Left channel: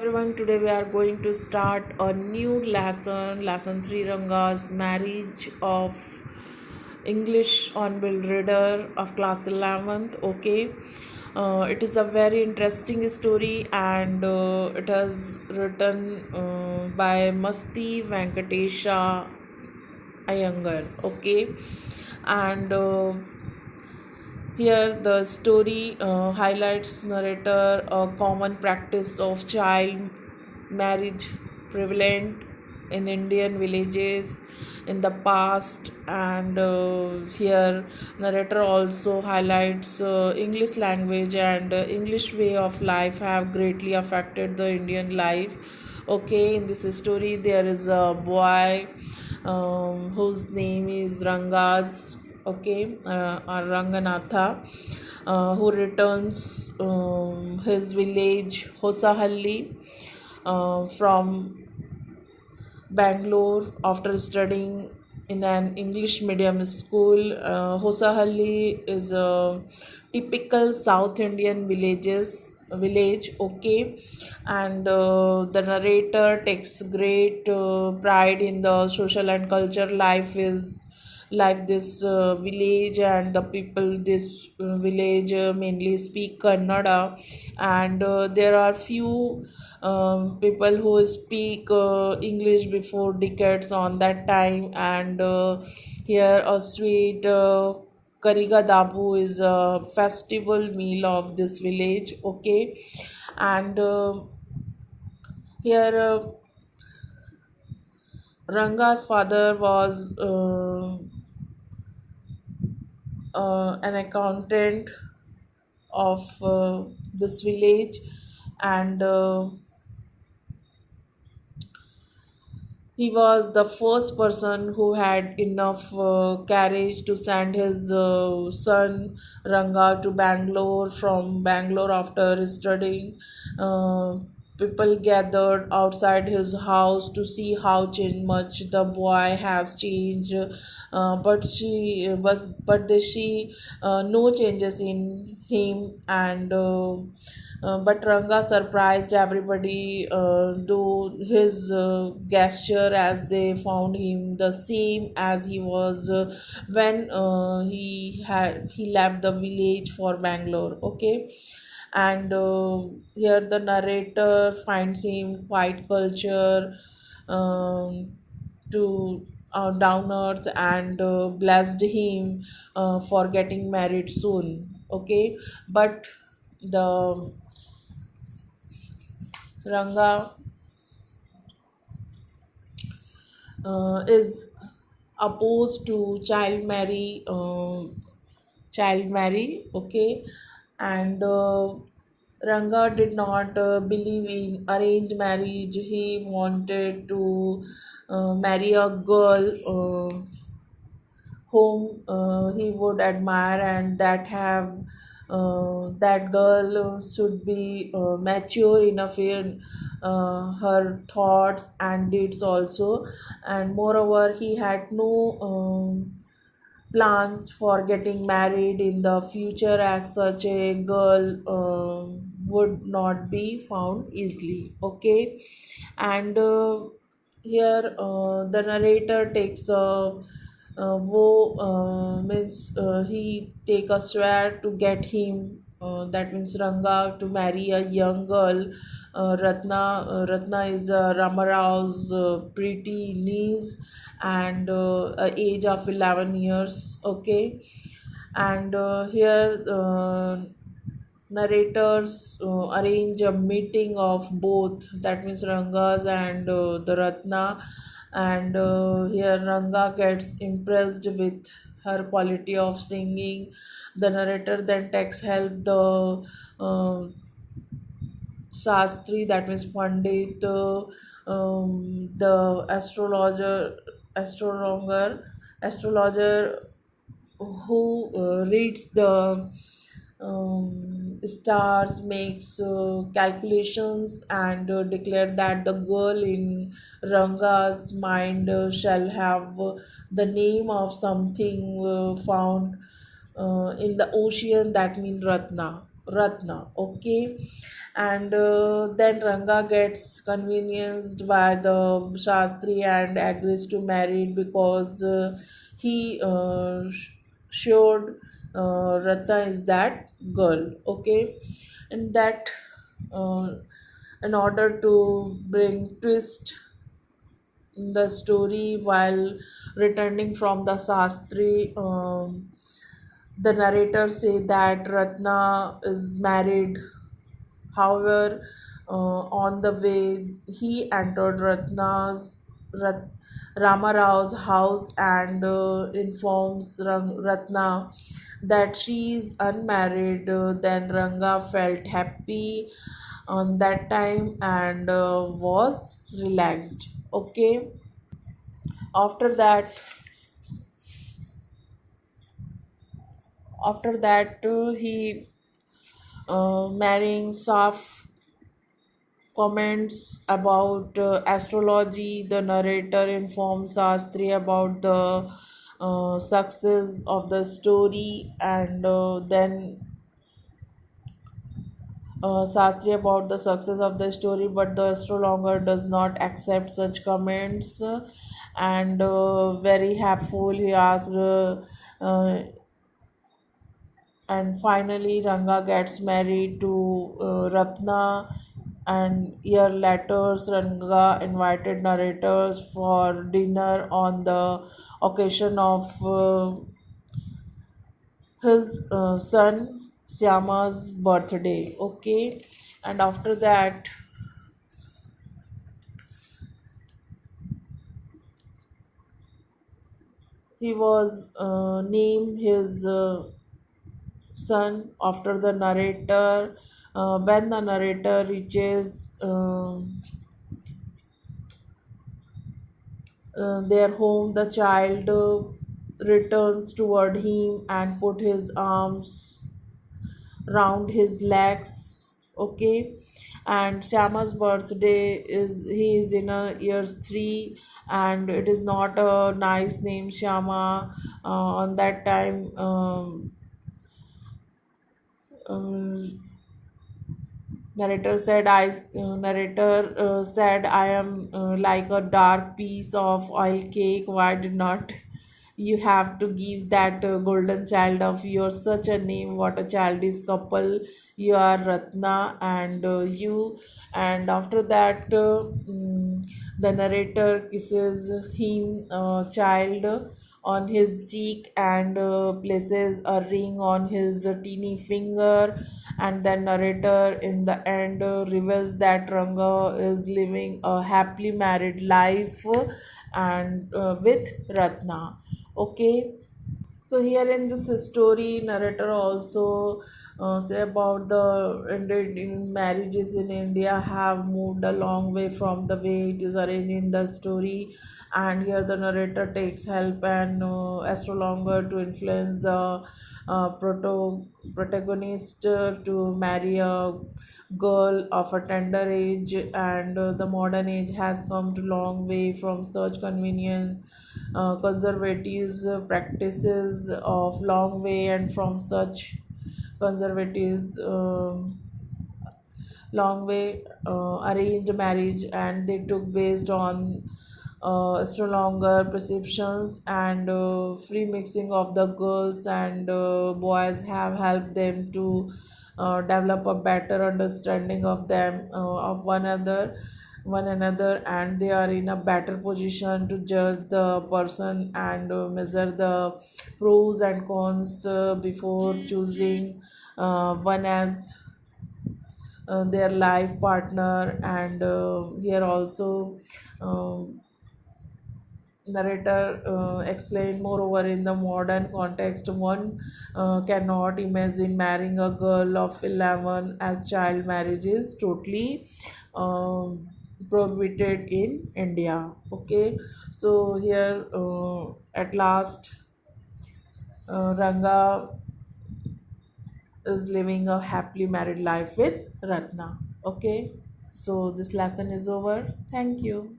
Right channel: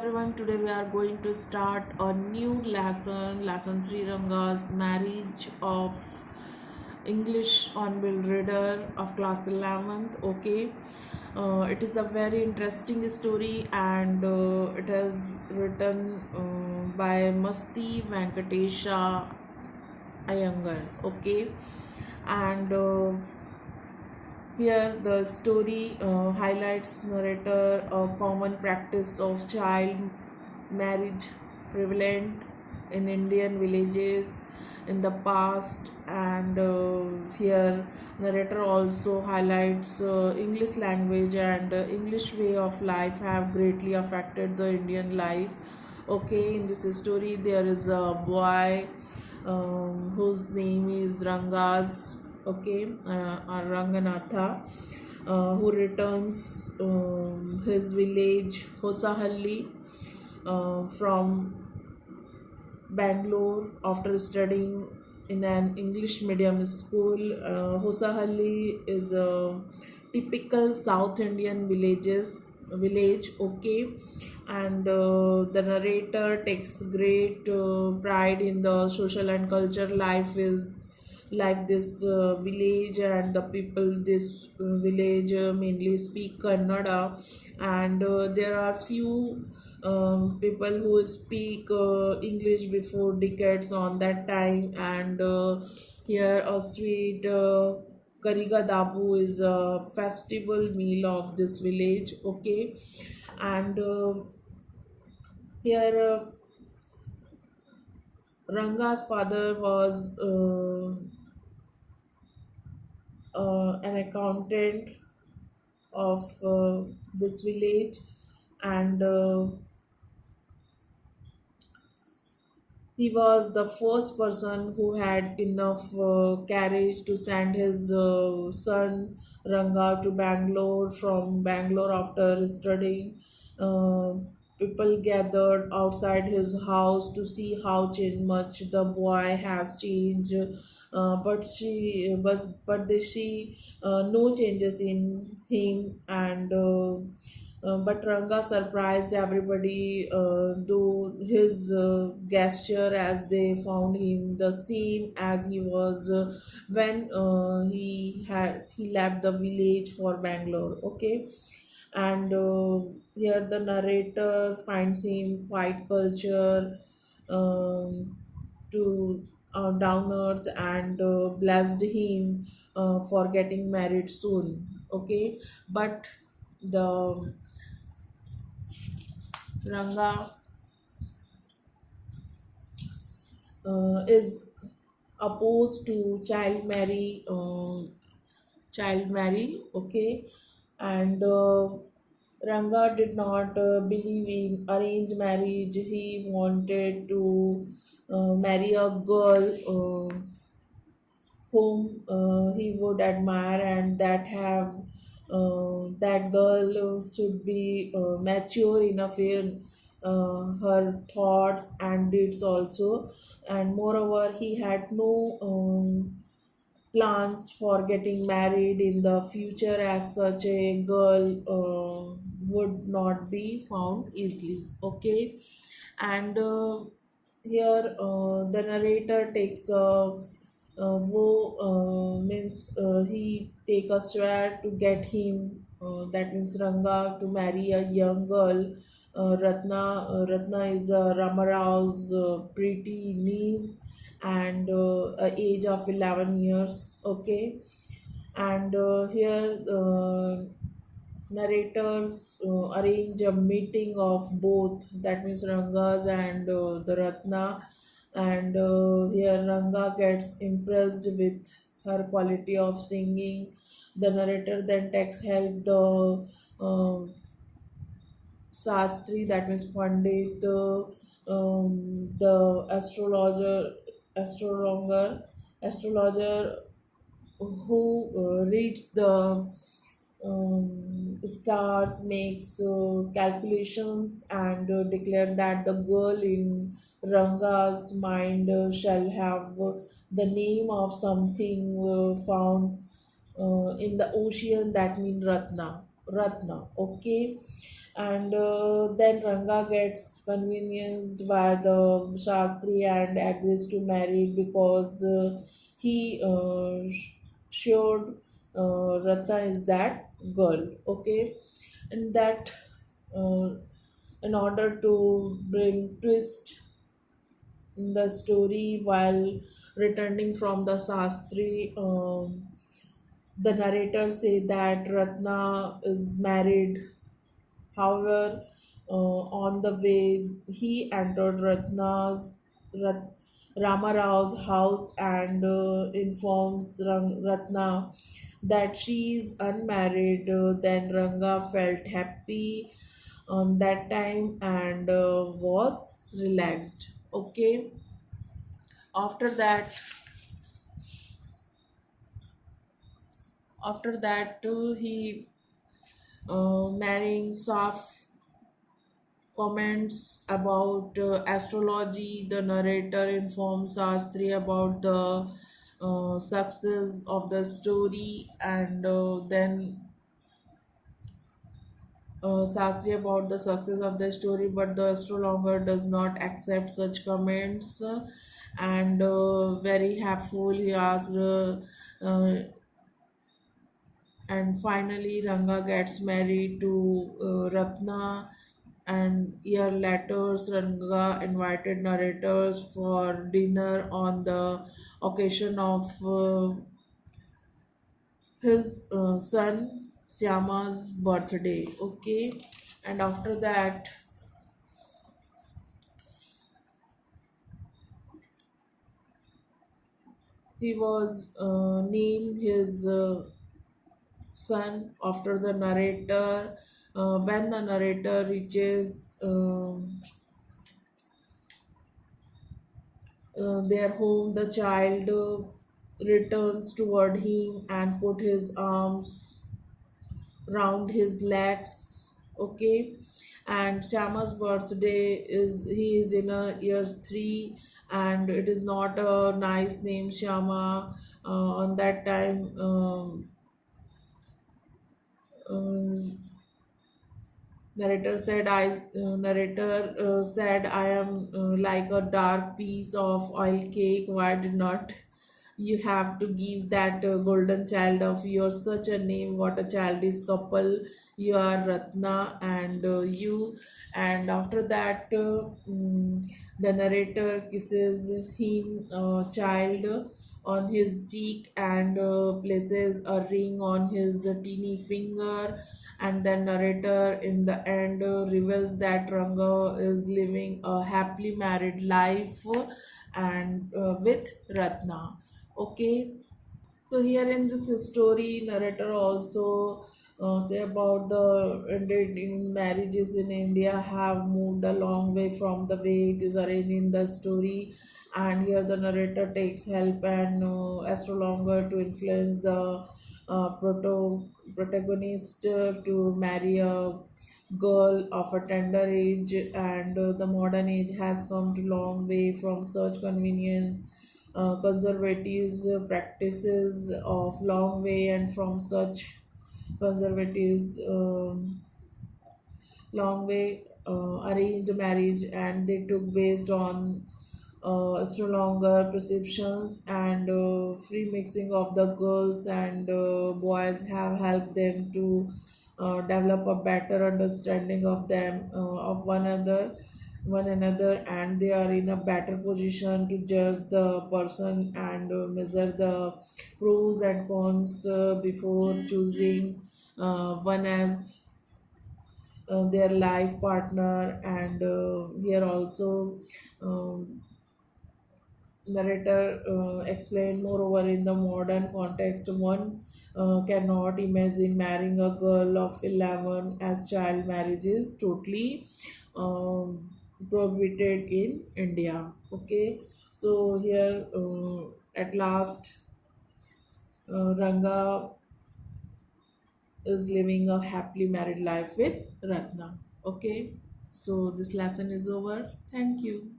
everyone, today we are going to start a new lesson 3 Ranga's marriage of English on Bill Reader of class 11th. Okay, it is a very interesting story and it is written by Masti Venkatesha Iyengar. Okay, and here, the story highlights narrator a common practice of child marriage prevalent in Indian villages in the past, and here narrator also highlights English language and English way of life have greatly affected the Indian life. Okay, in this story, there is a boy whose name is Rangas, okay, or Ranganatha, who returns his village Hosahalli from Bangalore after studying in an English medium school. Hosahalli is a typical South Indian village, okay, and the narrator takes great pride in the social and culture life is like this village, and the people this village mainly speak Kannada, and there are few people who speak English before decades on that time, and here a sweet Kariga Dabu is a festival meal of this village, okay, and here Ranga's father was an accountant of this village, and he was the first person who had enough courage to send his son Ranga to Bangalore. From Bangalore after studying. Uh, People gathered outside his house to see how much the boy has changed, but no changes in him, and but Ranga surprised everybody, though his gesture as they found him the same as he was when he left the village for Bangalore. Okay, and here the narrator finds him quite culture, to down earth, and blessed him for getting married soon. Okay, but the Ranga is opposed to child marry, okay, and Ranga did not believe in arranged marriage. He wanted to marry a girl whom he would admire, and that girl should be mature enough in her thoughts and deeds also, and moreover he had no plans for getting married in the future, as such a girl would not be found easily. Okay, and here the narrator takes a wo means he take a swear to get him, that means Ranga, to marry a young girl, Ratna is Ramarao's pretty niece, and a age of 11 years. Okay, and here narrators arrange a meeting of both, that means Rangas and the Ratna, and here Ranga gets impressed with her quality of singing. The narrator then takes help the Shastri, that means Pandit, the astrologer who reads the stars, makes calculations, and declare that the girl in Ranga's mind shall have the name of something found in the ocean, that means Ratna. Okay, And then Ranga gets convenienced by the Shastri and agrees to marry because he showed Ratna is that girl. Okay, and that uh, in order to bring twist in the story while returning from the Shastri. The narrator say that Ratna is married. However, on the way, he entered Rat, Rama Rao's house and informs Ratna that she is unmarried. Then Ranga felt happy on that time and was relaxed. Okay. After that, he marrying Saf comments about astrology. The narrator informs Sastri about the success of the story, and then Sastri about the success of the story, but the astrologer does not accept such comments. And very helpful, he asked, and finally Ranga gets married to Ratna. And year later, Ranga invited narrators for dinner on the occasion of his son Syama's birthday. Okay, and after that, he was named his son after the narrator. When the narrator reaches their home, the child returns toward him and put his arms round his legs. Okay, and Shama's birthday is he is in a years 3, and it is not a nice name Shama. On that time, um, narrator said, I am like a dark piece of oil cake. Why did not you have to give that golden child of yours such a name? What a childish couple you are, Ratna and you. And after that, the narrator kisses him child on his cheek and places a ring on his teeny finger. And then narrator in the end reveals that Ranga is living a happily married life and with Ratna. Okay, so here in this story, narrator also say about the Indian marriages in India have moved a long way from the way it is arranged in the story, and here the narrator takes help and astrologer to influence the protagonist to marry a girl of a tender age, and the modern age has come to long way from such convenient conservatives practices of long way, and from such conservatives long way arranged marriage, and they took based on stronger perceptions, and free mixing of the girls and boys have helped them to develop a better understanding of them of one another, and they are in a better position to judge the person and measure the pros and cons before choosing one as their life partner. And here also narrator explained moreover in the modern context one cannot imagine marrying a girl of 11 as child marriage is totally prohibited in India. Okay, so here at last Ranga is living a happily married life with Ratna. Okay, so this lesson is over. Thank you.